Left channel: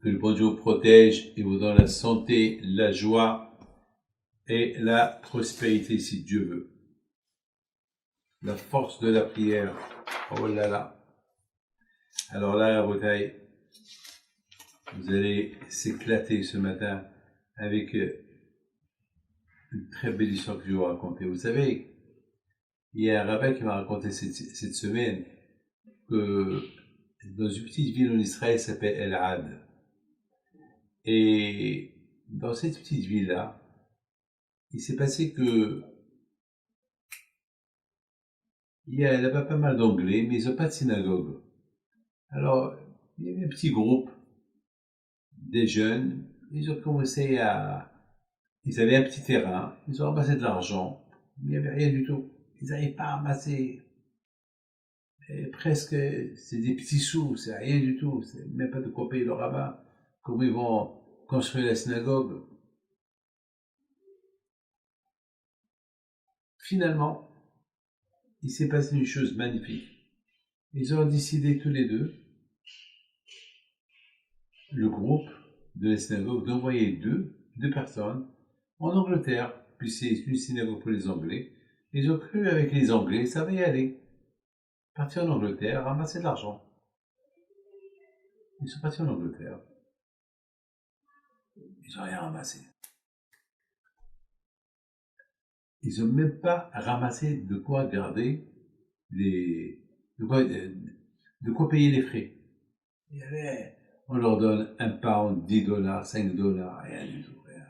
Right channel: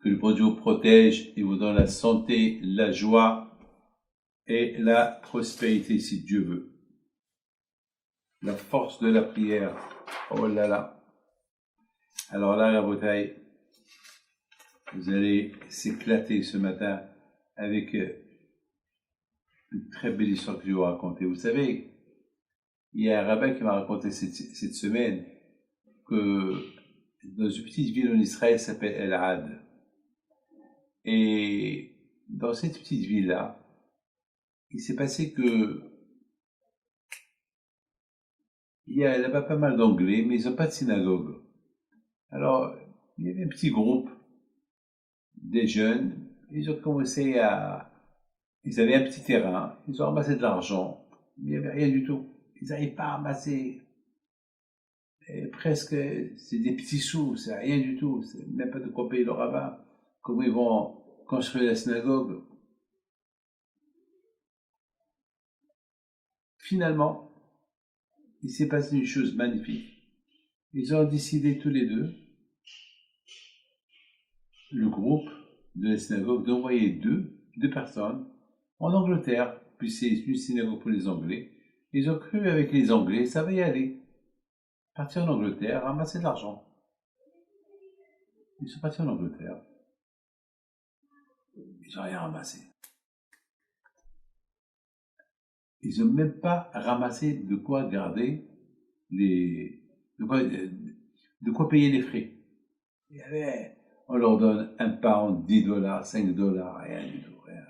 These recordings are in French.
Que le bon Dieu vous protège et vous donne la santé, la joie et la prospérité si Dieu veut. La force de la prière. Oh là là. Alors là, la bataille, vous allez s'éclater ce matin avec une très belle histoire que je vais vous raconter. Vous savez, il y a un rabbin qui m'a raconté cette semaine que dans une petite ville en Israël qui s'appelle El-Had. Et dans cette petite ville-là, il s'est passé que il y a là-bas pas mal d'anglais, mais ils n'ont pas de synagogue. Alors, il y avait un petit groupe, des jeunes, ils ont commencé à... Ils avaient un petit terrain, ils ont ramassé de l'argent, mais il n'y avait rien du tout. Ils n'arrivaient pas à ramasser presque, c'est des petits sous, c'est rien du tout, c'est même pas de quoi payer le rabbin. Comment ils vont construire la synagogue? Finalement, il s'est passé une chose magnifique. Ils ont décidé tous les deux, le groupe de la synagogue, d'envoyer deux personnes en Angleterre, puis c'est une synagogue pour les Anglais. Ils ont cru avec les Anglais, ça va y aller. Partir en Angleterre, ramasser de l'argent. Ils sont partis en Angleterre. Ils n'ont rien ramassé. Ils n'ont même pas ramassé de quoi garder les, de quoi payer les frais. Il y avait, on leur donne un pound, 10 dollars, 5 dollars, rien du tout, rien.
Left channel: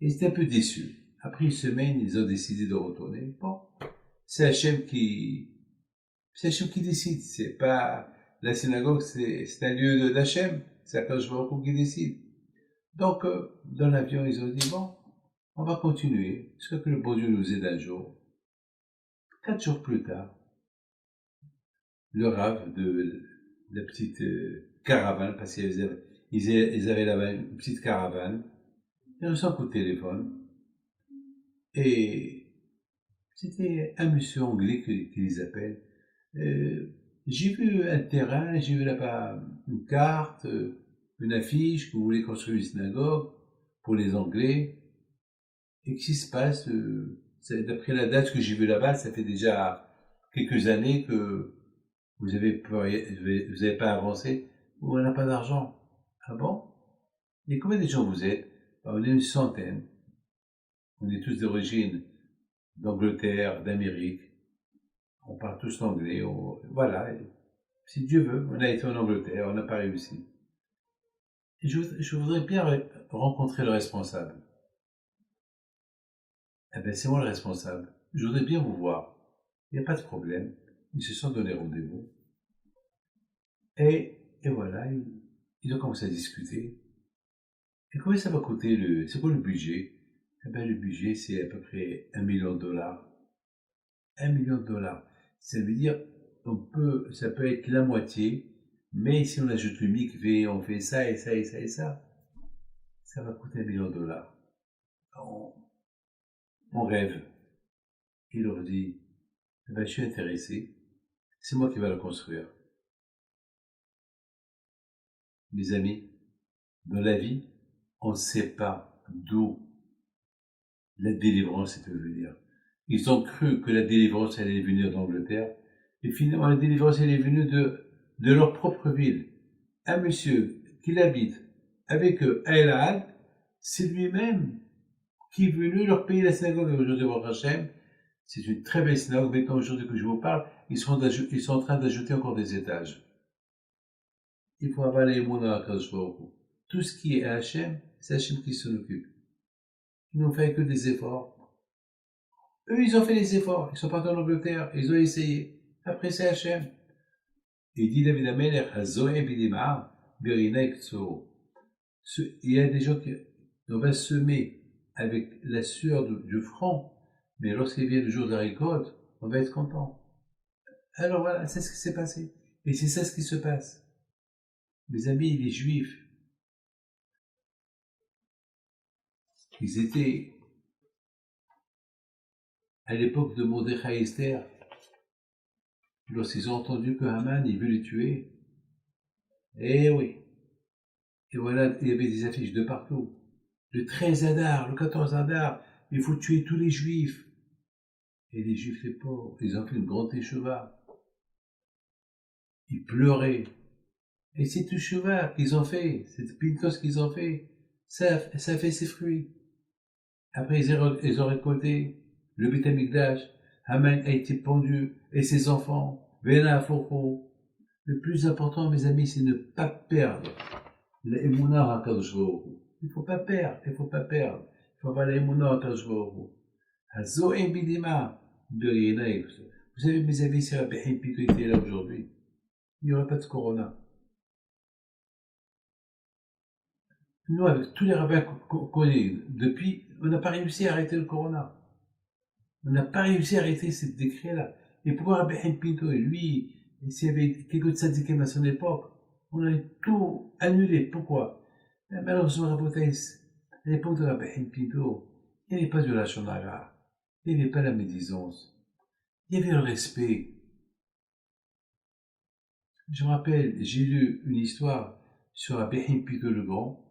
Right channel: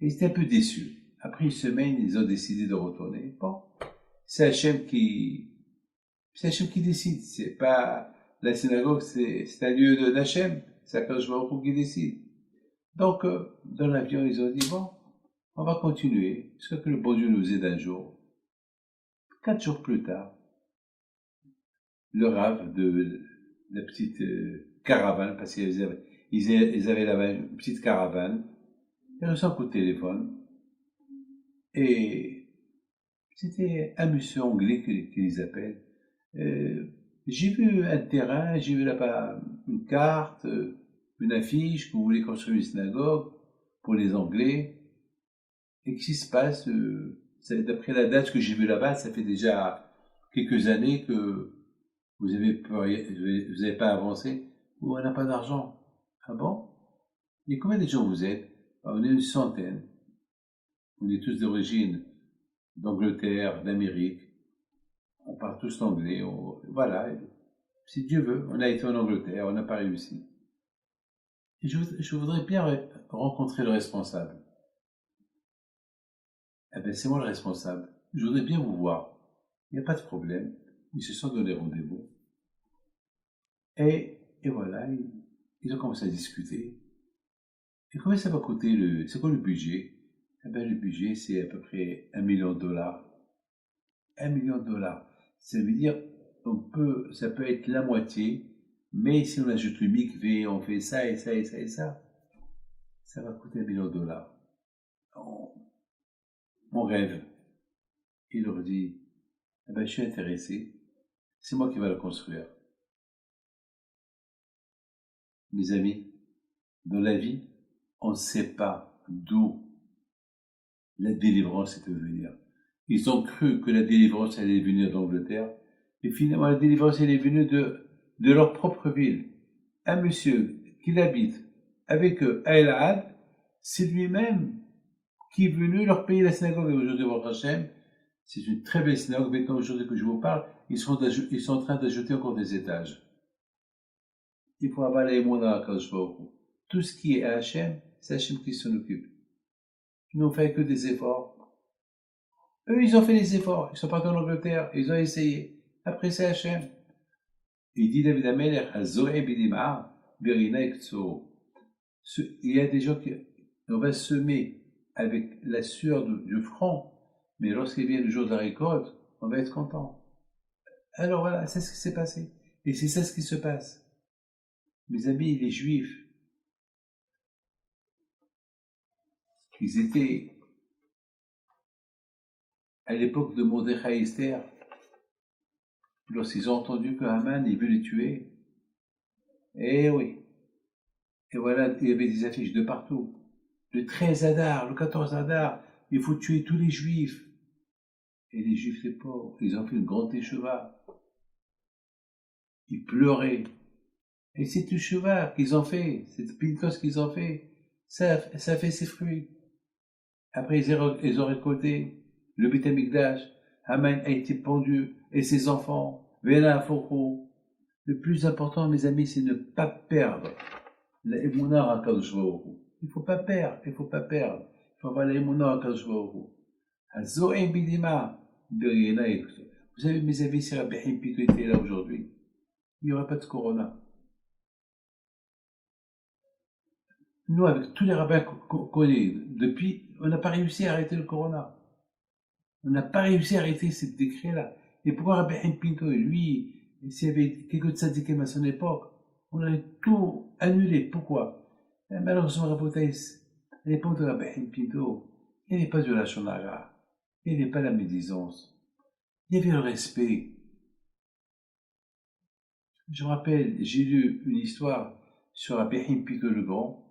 Ils étaient un peu déçus. Après une semaine, ils ont décidé de retourner. Bon, c'est Hachem qui décide. C'est pas, la synagogue, c'est un lieu d'Hachem. C'est Akadosh Baruch Hu qui décide. Donc, dans l'avion, ils ont dit, bon, on va continuer, jusqu'à que le bon Dieu nous aide un jour. 4 jours plus tard, le rave de la petite caravane, parce ils avaient là-bas une petite caravane, ils reçoivent un coup de téléphone, et c'était un monsieur anglais qui les appelle. J'ai vu un terrain, j'ai vu là-bas une carte, une affiche, que vous voulez construire une synagogue pour les Anglais. Et qu'est-ce qui se passe? D'après la date que j'ai vue là-bas, ça fait déjà quelques années que vous avez pas avancé, ou on n'a pas d'argent. Ah bon? Et combien de gens vous êtes? Ah, on est une centaine. On est tous d'origine d'Angleterre, d'Amérique. On parle tous l'anglais. Voilà. Si Dieu veut, on a été en Angleterre, on n'a pas réussi. Et je voudrais bien rencontrer le responsable. Eh bien, c'est moi le responsable. Je voudrais bien vous voir. Il n'y a pas de problème. Ils se sont donné rendez-vous. Et voilà, ils ont commencé à discuter. Et combien ça va coûter c'est quoi le budget? Eh bien, le budget, c'est à peu près 1 million de dollars. 1 million de dollars. Ça veut dire, ça peut être la moitié, mais si on ajoute le mikvé, on fait ça et ça et ça et ça va coûter 1 million de dollars. On rêve. Il leur dit, eh ben, je suis intéressé, c'est moi qui vais le construire. Mes amis, dans la vie, on ne sait pas d'où la délivrance peut venir. Ils ont cru que la délivrance allait venir d'Angleterre, et finalement la délivrance elle est venue de leur propre ville. Un monsieur qui l'habite avec eux à El Had, c'est lui-même qui est venu leur payer la synagogue. Et aujourd'hui, votre Hachem, c'est une très belle synagogue, mais quand aujourd'hui que je vous parle, ils sont en train d'ajouter encore des étages. Il faut avoir les mots dans la cage. Tout ce qui est Hachem, c'est Hachem qui s'en occupe. Ils n'ont fait que des efforts. Eux, ils ont fait des efforts. Ils sont partis en Angleterre. Ils ont essayé. Après, c'est Hachem. Il dit David Amelech, Hazoé Bidima, Birina Ekso. Il y a des gens qui, on va semer avec la sueur du front, mais lorsqu'il vient le jour de la récolte, on va être content. Alors voilà, c'est ce qui s'est passé. Et c'est ça ce qui se passe. Mes amis, les Juifs, ils étaient à l'époque de Mordechai Esther, lorsqu'ils ont entendu que Haman, il veut les tuer. Eh oui, Et voilà, il y avait des affiches de partout. Le 13 Adar, le 14 Adar, il faut tuer tous les juifs. Et les juifs, les pauvres, ils ont fait une grande écheva. Ils pleuraient. Et c'est écheva qu'ils ont fait, cette pintos qu'ils ont fait, ça fait ses fruits. Après, ils ont récolté le Beth Amikdash. Haman a été pendu, et ses enfants. Vena Foko. Le plus important, mes amis, c'est ne pas perdre l'émouna à Kadosh Baruch Hu. Il ne faut pas perdre, il ne faut pas perdre. Il faut avoir l'émouna à Kadosh Baruch Hu. Hazoem bidima. Vous savez, mes amis, si Rabbi Haim Pito était là aujourd'hui, il n'y aurait pas de corona. Nous, avec tous les rabbins qu'on connaît depuis, on n'a pas réussi à arrêter le corona. On n'a pas réussi à arrêter ce décret-là. Et pourquoi Rabbi Haim Pinto, lui, s'il y avait quelques tzadikim à son époque, on a tout annulé. Pourquoi? Malheureusement, à l'époque de Rabbi Haim Pinto, il n'y avait pas de la shonara, il n'y avait pas la médisance, il y avait le respect. Je me rappelle, j'ai lu une histoire sur Rabbi Haim Pinto le Grand.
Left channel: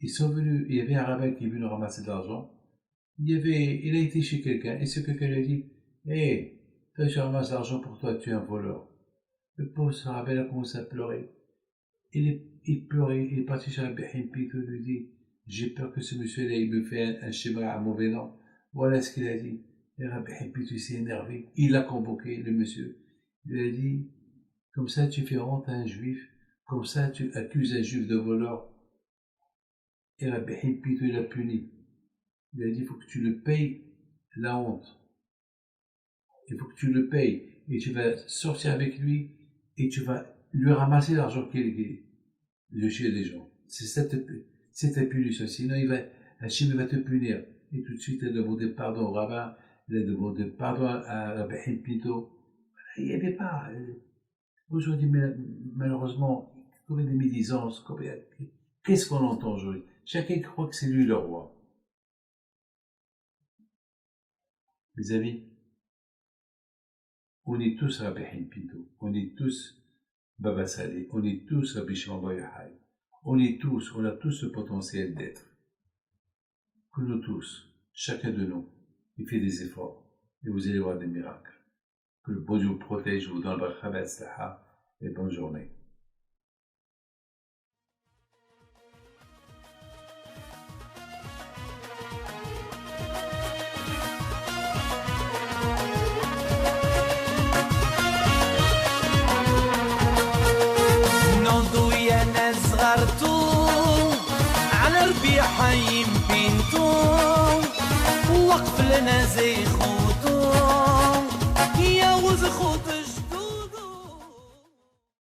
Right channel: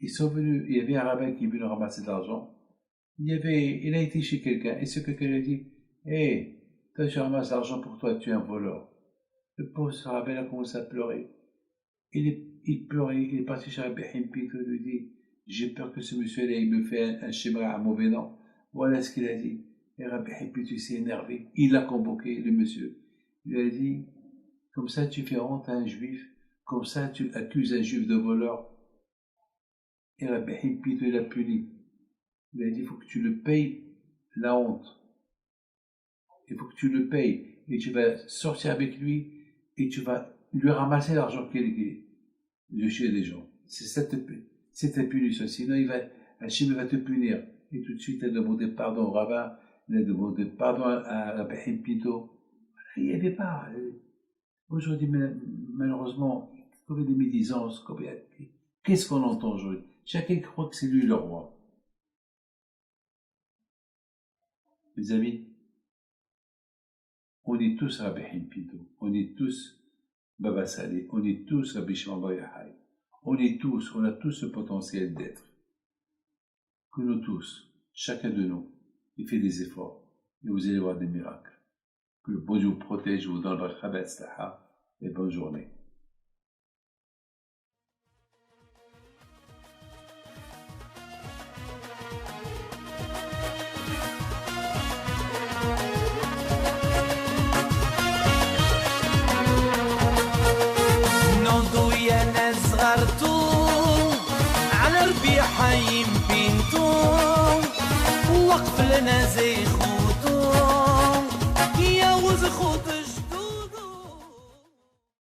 Ils sont venus, il y avait un rabbin qui est venu ramasser de l'argent. Il a été chez quelqu'un, et ce quelqu'un lui a dit, hé, toi, je ramasse l'argent pour toi, tu es un voleur. Le pauvre rabbin a commencé à pleurer. Il pleurait, il est parti chez Rabbi Haim Pinto, il lui dit, j'ai peur que ce monsieur-là, il me fait un schéma à mauvais nom. Voilà ce qu'il a dit. Et Rabbi Haim Pinto s'est énervé. Il a convoqué le monsieur. Il lui a dit, comme ça tu fais honte à un juif, comme ça tu accuses un juif de voleur. Et Rabbi Haim Pinto l'a puni. Il a dit, il faut que tu le payes la honte. Il faut que tu le payes. Et tu vas sortir avec lui et tu vas lui ramasser l'argent qu'il est de chez les gens. C'est ta punition. Sinon, Hachem va te punir. Et tout de suite, il a demandé pardon au rabbin. Il a demandé pardon à Rabbi Haim Pinto. Il n'y avait pas. Aujourd'hui, malheureusement, combien de médisances, qu'est-ce qu'on entend aujourd'hui? Chacun croit que c'est lui le roi. Mes amis, on est tous Rabbi Haim Pinto, on est tous Baba Saleh, on est tous Rabbi Shimon Bar Yochai, on a tous ce potentiel d'être. Que nous tous, chacun de nous, il fait des efforts, et vous allez voir des miracles. Que le bon Dieu vous protège, vous donne le Chabad Staha, et bonne journée. على ربيع حيم بنتو وقف لنا زي